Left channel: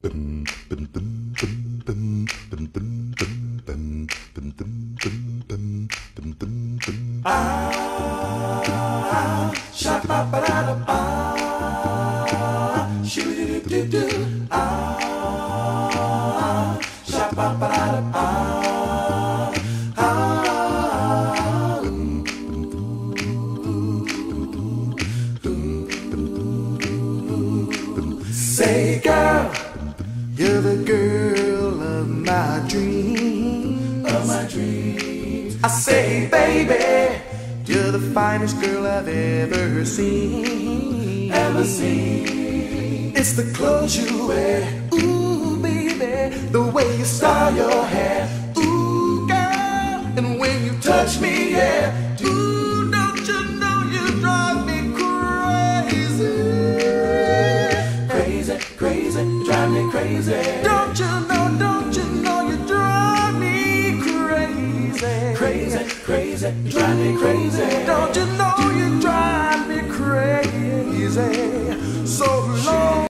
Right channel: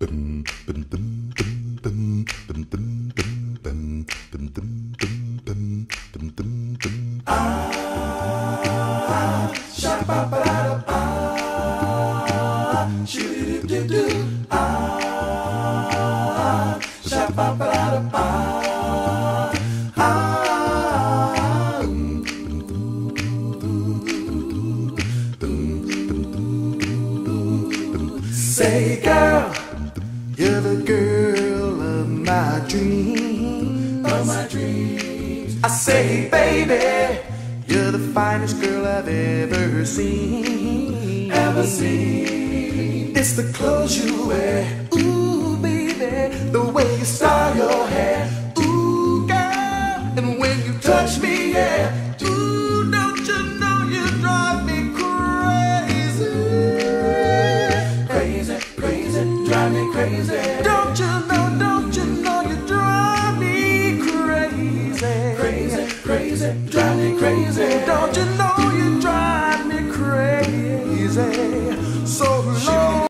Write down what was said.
Say, girl, you're the girl of my dreams. I say, baby, you're the finest girl I've ever seen. It's the clothes you wear, ooh, baby, the way you style your hair, ooh, girl, and when you touch me, yeah, ooh, don't you know you drive me crazy, drive me crazy. Don't you know you drive me crazy, drive me crazy. Don't you know you drive me crazy, so long.